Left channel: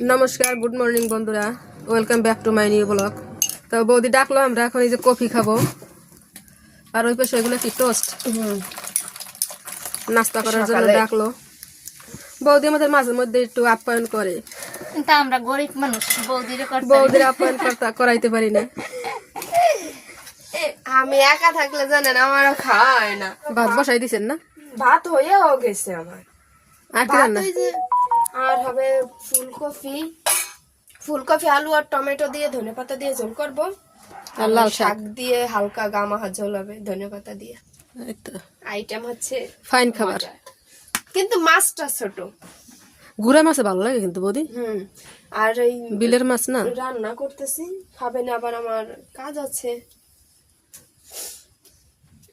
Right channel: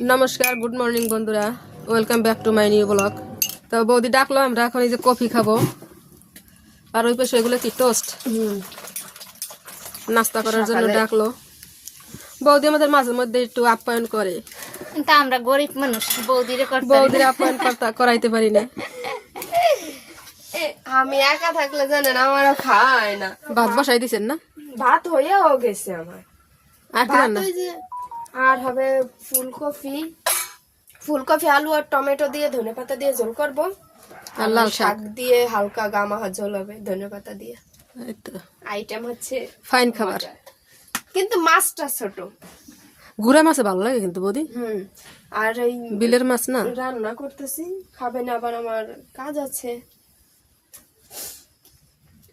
নমস্কার, good morning বন্ধুরা, welcome back to my new blog. তো বৌদি ডাকলো, আমরা এখন এই যে কফি খাবো, আর ওই পাশে এগুলো কি টোস্ট নাস্তা করার জন্য ডাকলো। বৌদি আমাদের মাঝে মধ্যে একটু আপ্যায়ন করে, কিন্তু আমরা গরিব মানুষ, বৌদির আপ্যায়ন করাইতে পারি না। আমি একা থাকলে জানেন আমারও খাওয়া হয় না। ভাত বসাই দিছেন না? ভাত হয়েও গেছে আমার। আর কি রান্না? আর হবে ফুলকপি আলু আর টমেটো দিয়ে ধনেপাতা দিয়ে ঝোল করবো, আর লাল শাক দিয়ে হালকা গামাহা ঝোল হবে ধনেপাতা দিয়ে। এই তো আইটেম হচ্ছে ফাইন খাবার, কিন্তু মাছটা ছোট। গুড়া মাছে ভালো লাগে কিন্তু বৌদি। আর এই বিলের মাছ না, রান্না করতেছি, খাবে না আবার, আমার কাজ আছে,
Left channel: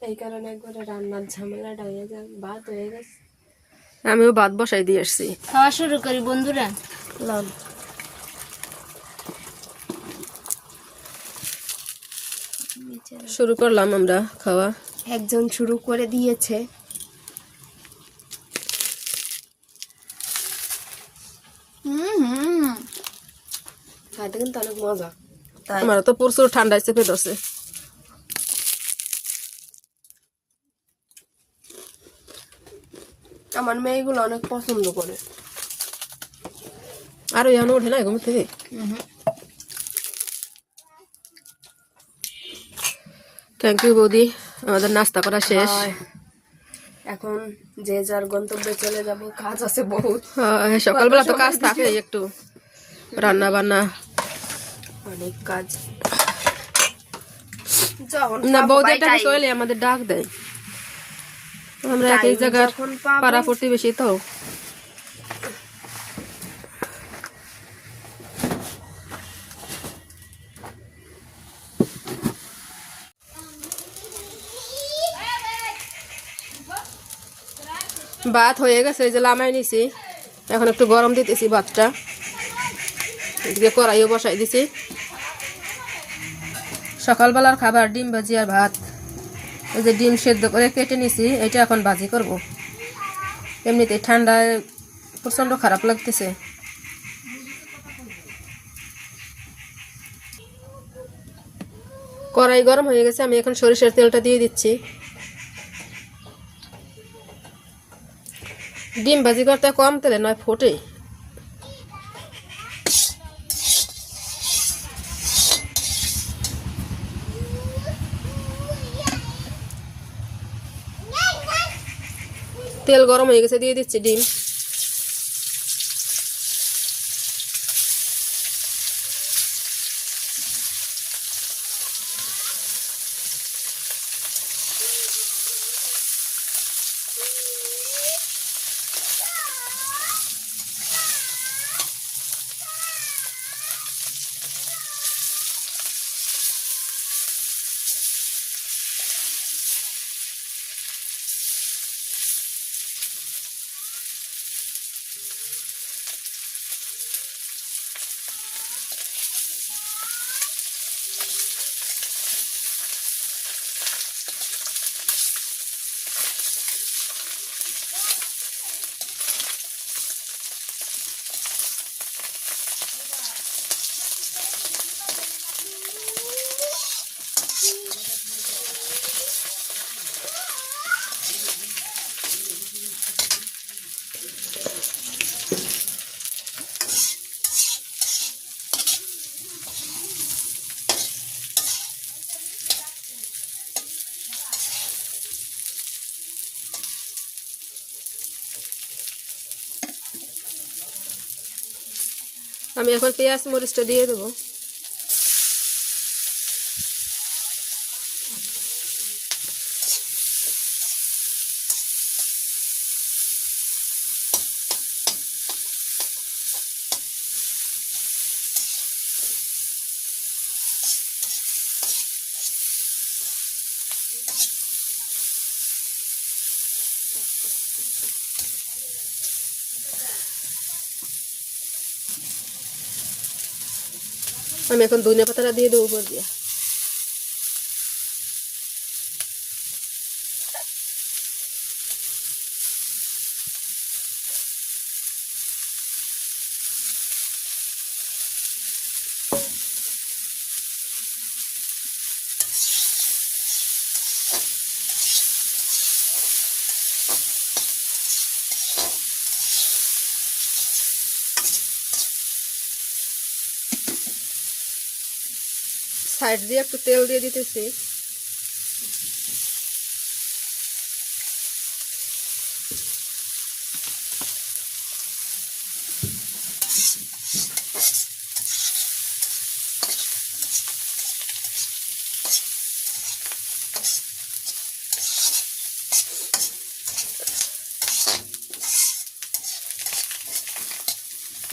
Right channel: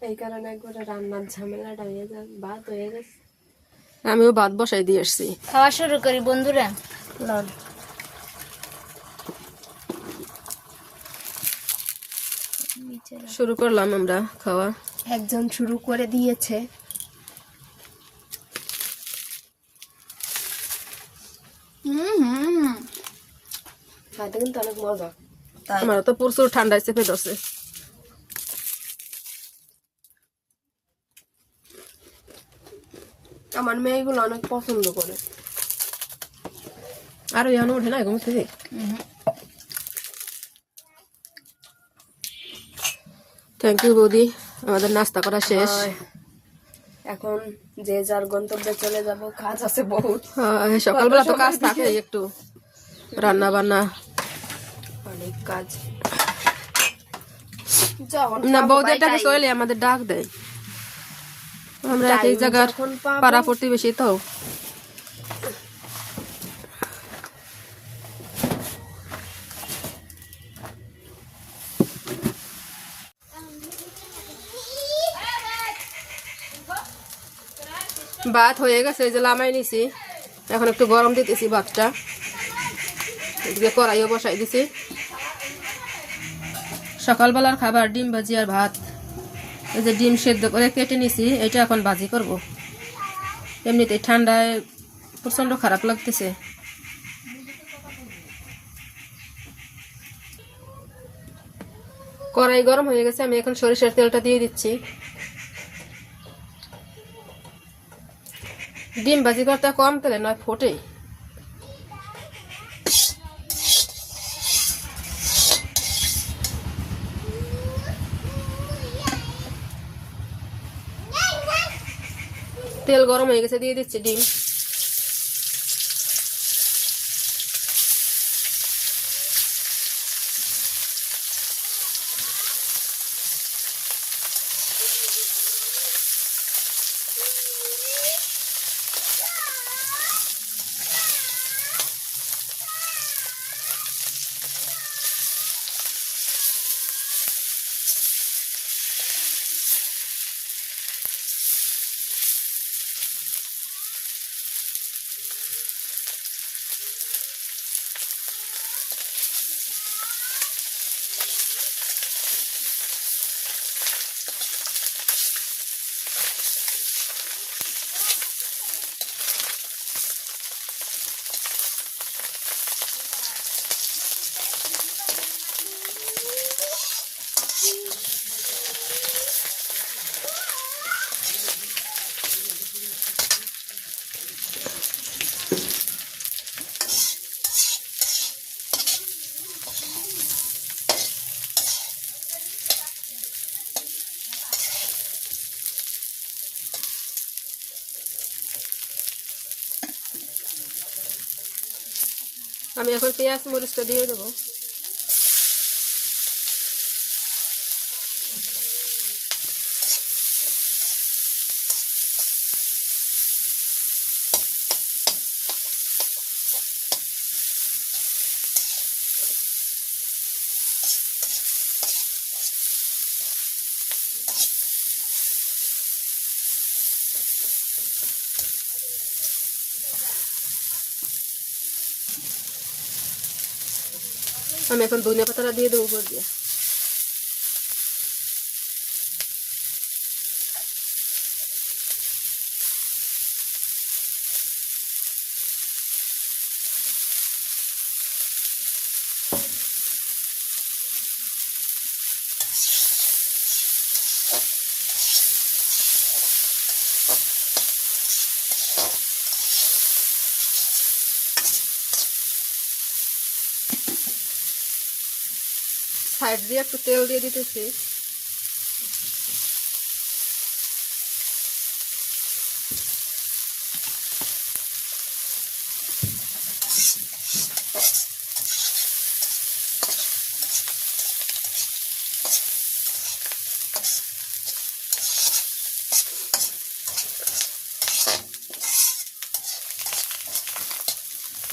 এই কারণে একবারে রান্নার ঝামেলাটা হয়ে যায়। ভাত হয়ে গেছে, আমিও ভাত বসাই দিয়ে আসছি। খাওয়া শুরু করি বন্ধুরা। লন শুরু করলাম আমরা খাওয়া। একজন শুরু করে দিয়েছে। খাইতে কিন্তু অনেক মজা। আমার তো প্রচুর ঠান্ডায় চেপে ধরছে। আমার মেয়েগুলো অনেক পছন্দ করে। আর ইয়ানো ওঠে না ঘুম থেকে। থ্যাংক ইউ বৌদি, আমাদের নাস্তা করা শেষ। এখন যে যার গন্তব্যে চলে যাব, কাজ আছে বহুত। সকালবেলা তো কাজ থাকে, একটু রান্না বান্না অনেক কাজ। যখন না বৌদি এটাকে চলে আমাদের ডাক দেয়, আমরা একই জায়গার পাড়া প্রতিবেশী তো। ভাত হয়ে গেছে, এই যে লামাই নিছি, এখন একটু গরম দিতেছি ভাতটা, এদিকে কড়াইও বসাই দিছি। সকালবেলার খাবার ডিম ভাজি আর ভাত। এই যে ডিম সেদ্ধ করে কেটে নিছি, এটা এখন ভাজি করব। এমনিতে ঠান্ডায় প্রচন্ড খারাপ লাগতেছে। কড়াই গরম হয়ে গেছে, আমি এখন সরিষার তেলটা দিয়ে দিচ্ছি। ডিম ভাজি করতে কম তেলে নয় ফোটে। তেল গরম হয়ে গেছে, দিয়ে দিচ্ছি ডিম। আমি এখন পেঁয়াজ মরিচটা দিয়ে দেবো। আমি এখন ধনিয়া পাতাটা দিয়ে দেবো উপর দিয়ে। সাইড দিয়ে একটু তেল দিয়ে দিতেছি।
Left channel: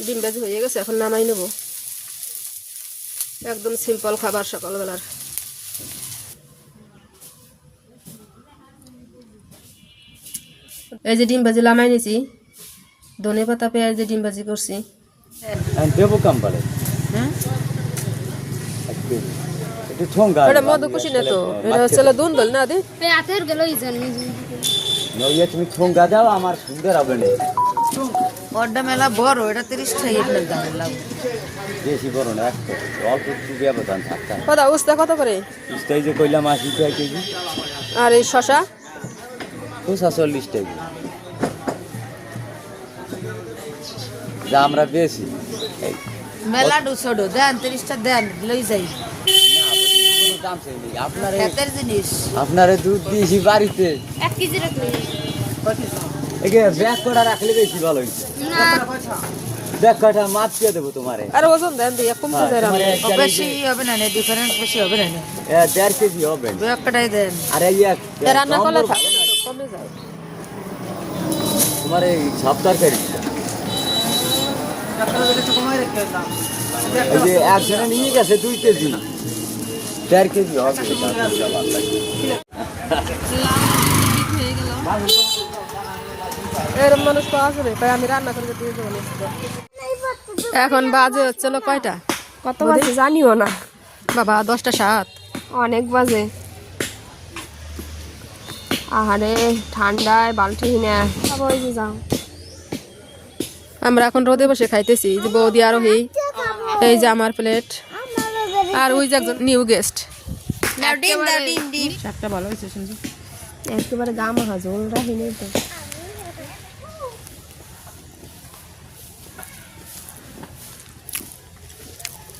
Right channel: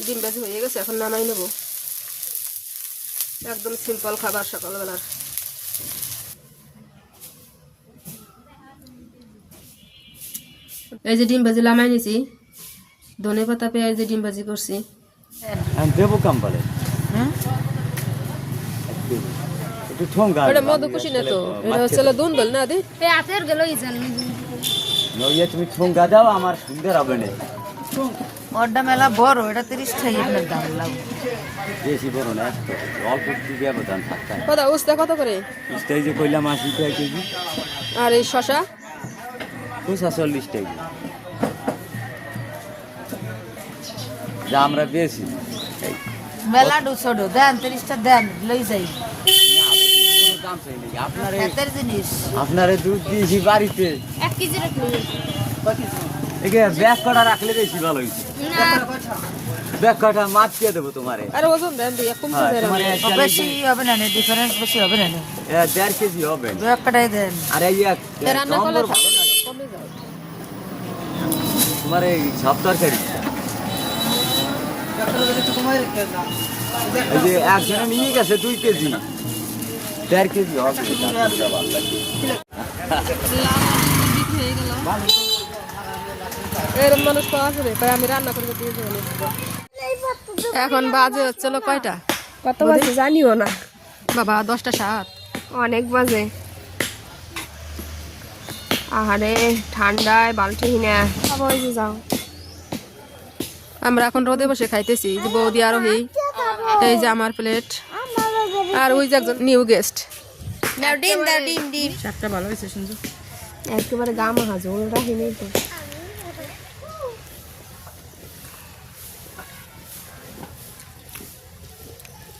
ডিম ভাজি হয়ে গেছে, এখন নামাই নেব। একদম সিম্পল খাবার সকালবেলার। এই যে ডিম ভাজি নামাই নিছি, ধনে পাতা পেঁয়াজ দিয়ে ডিম ভাজি করছি। দেবো কাম বলে একটু ঠোঙ্গা এটা মধুকুশি না তো, এটা হচ্ছে দুন্দল না দি। হাতের গেল এই জন্য নইয়ে তুমি ঠোঙ্গা দাও, আমার সুন্দর হবে না। ওটা মেলা বড়, এটা 30 টাকা আপনার দাম লাগবে। বেশি বড় না, একটু অল্প একটু ব্যবধান থাকতে হয়। কত উস্তা কত করে? স্টাই যে কইলাম 80 টাকা কেজি, আর এই শশা 40 টাকা। যা আমরা বেশি এই মেলা দুশোডো দেন, 30 টাকা দেন, লই যাই। না কোনো দাম চাই নাই। আপনারে এতের জিনিস আপনারে দুধ দিয়েছি বাড়িতে, 1 কেজি রাখলে একে ব্যাগ কটা রাখলে বেশি ভালো হইছে। ব্যাগ কটা মাছ দিয়ে দেবো তোমারে। আর ওজন দেন দিয়ে কমছে দেন। তোমারে বেশি হবে না, ডিফারেন্স বেশি হবে না। 1.5 কেজি হবে। দু এক কাটাই দেন। আর এই রান্না করলে নম্বর ভালো না, কমে যায়। তোমার এই সব তরকারিটা এই যে একজনে নিয়ে গেছে 2 কেজি, 1.5 কেজি হবে। এরকম মানুষ পাওয়া যাবে, তাই আমি রান্না করে দিয়ে দেবো। এখন বাজে হচ্ছে কয়টা? কত বাজে জানিও না বাবা, 10টা 7। অনেক বাজে। আহারে ঠান্ডায় বালতি না খাবো, ওই যে যাও। আমরা এখন রোদে বসে খাইতেছি। যে বৌদি আরোহী, এই যে আমার প্লেট, আর ওই যে একজন নিউ গেস্ট। ডিম দাও, ডিম ডিম। শাকটা ভালো হয়েছে শুনছো? একেবারে গা মাহা ঝোল রাখি নেই তো।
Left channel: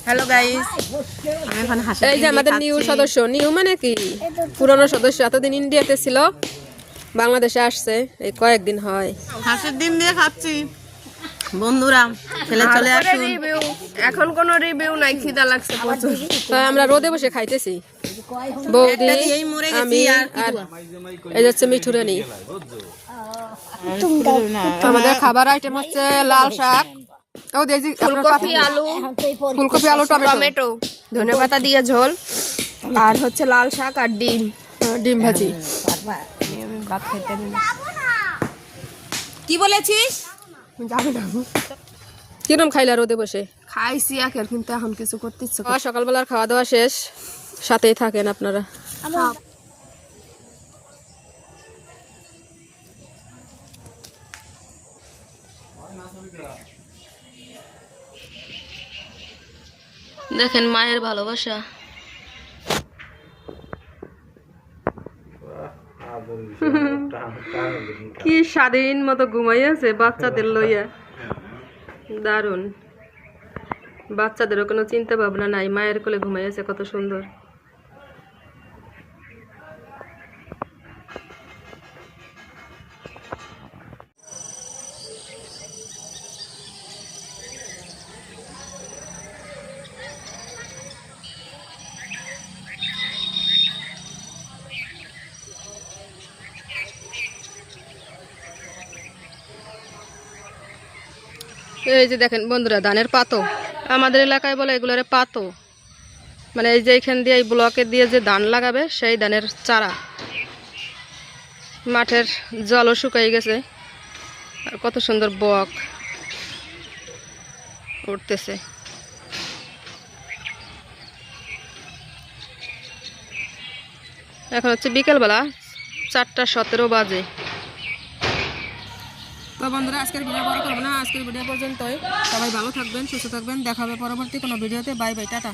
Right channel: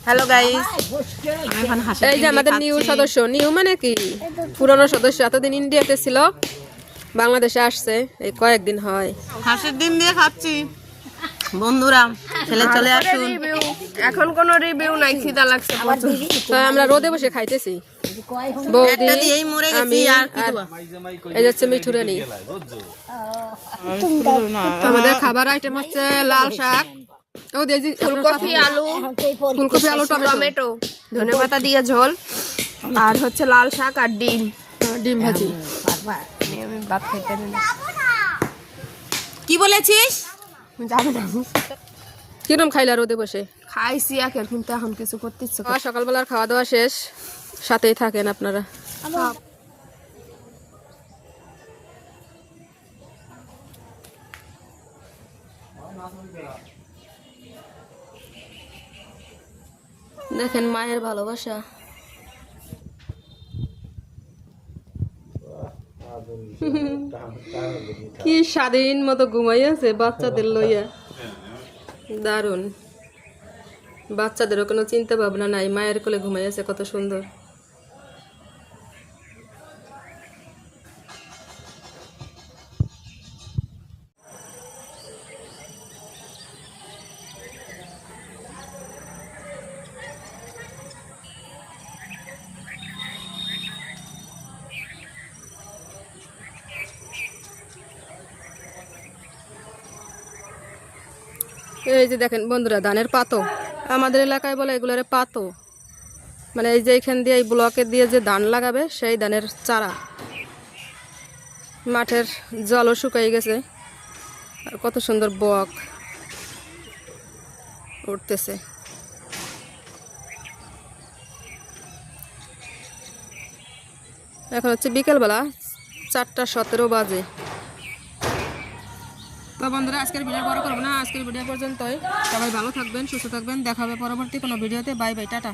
হ্যালো গাইস, এই যে আমাদের নিউ সদস্য। নিউ মানে কি? পুরনো সদস্য। এতদিন ইন্ডিয়াতে ছিল, বাংলাদেশে আসছে এই কয়েকদিন হয়। হাঁসের ডিম দিয়ে খাচ্ছি বন্ধুরা, ছেলে চলে আসুন। এখন কোনো রিভিউ নাই, খিদা লাগছে প্রচুর। তাই আমরা রোদে বসে খাইতেছি, বৌদি, আমি, আর এই যাচ্ছে মিঠুরানি। আমাদের খাবার আইটেম হচ্ছে লাল শাক, ফুলকপি আলু টমেটো, ধনেপাতা দিয়ে ঝোল, আর হচ্ছে লাল শাক আর ডিম, ডিম ভাজি। আমি ভাত খাইতে দিই না। কি বলেছিস? যাবো না, কিরম খাইলা রোদে বসে? খাইছি একের, কিন্তু এখন কিছু করতে ইচ্ছে করে। সকালবেলার খাওয়া দাওয়া শেষ, সাথেই থাকেন আপনারা। দেখেন মায়ের ভালোবাসা। কি স্বাধীন মতো ঘুমাইয়াছে বাচ্চাদের লইয়া, দারুণ। বাচ্চাদেরও কোনো চিন্তা ভাবনা নাই, মায়ের কোলে ঘুমাইয়াছে, কত সুন্দর। এই যে দেখেন বন্ধুরা, ধানের পাতো, আমাদের এলাকায় বলে এগুলোরে পাতো। মানে এই যে এখান দিয়ে এই ব্লকে দিয়ে যে ধান লাগাবে, সেই ধানের চারা। মাঠের জলও শুকাই গেছে, আর কত সুন্দর বক উঠতেছে। এখন হচ্ছে বিকেলবেলা, 4:17 বাজে। তো বন্ধুরা, আজকের ভিডিও বড় করবো না, আজকের ভিডিও পর্যন্তই। সবাই ভালো থাকবেন, সুস্থ থাকবেন, দেখা হবে পরবর্তী কোনো ভিডিওতে। Bye bye, tata.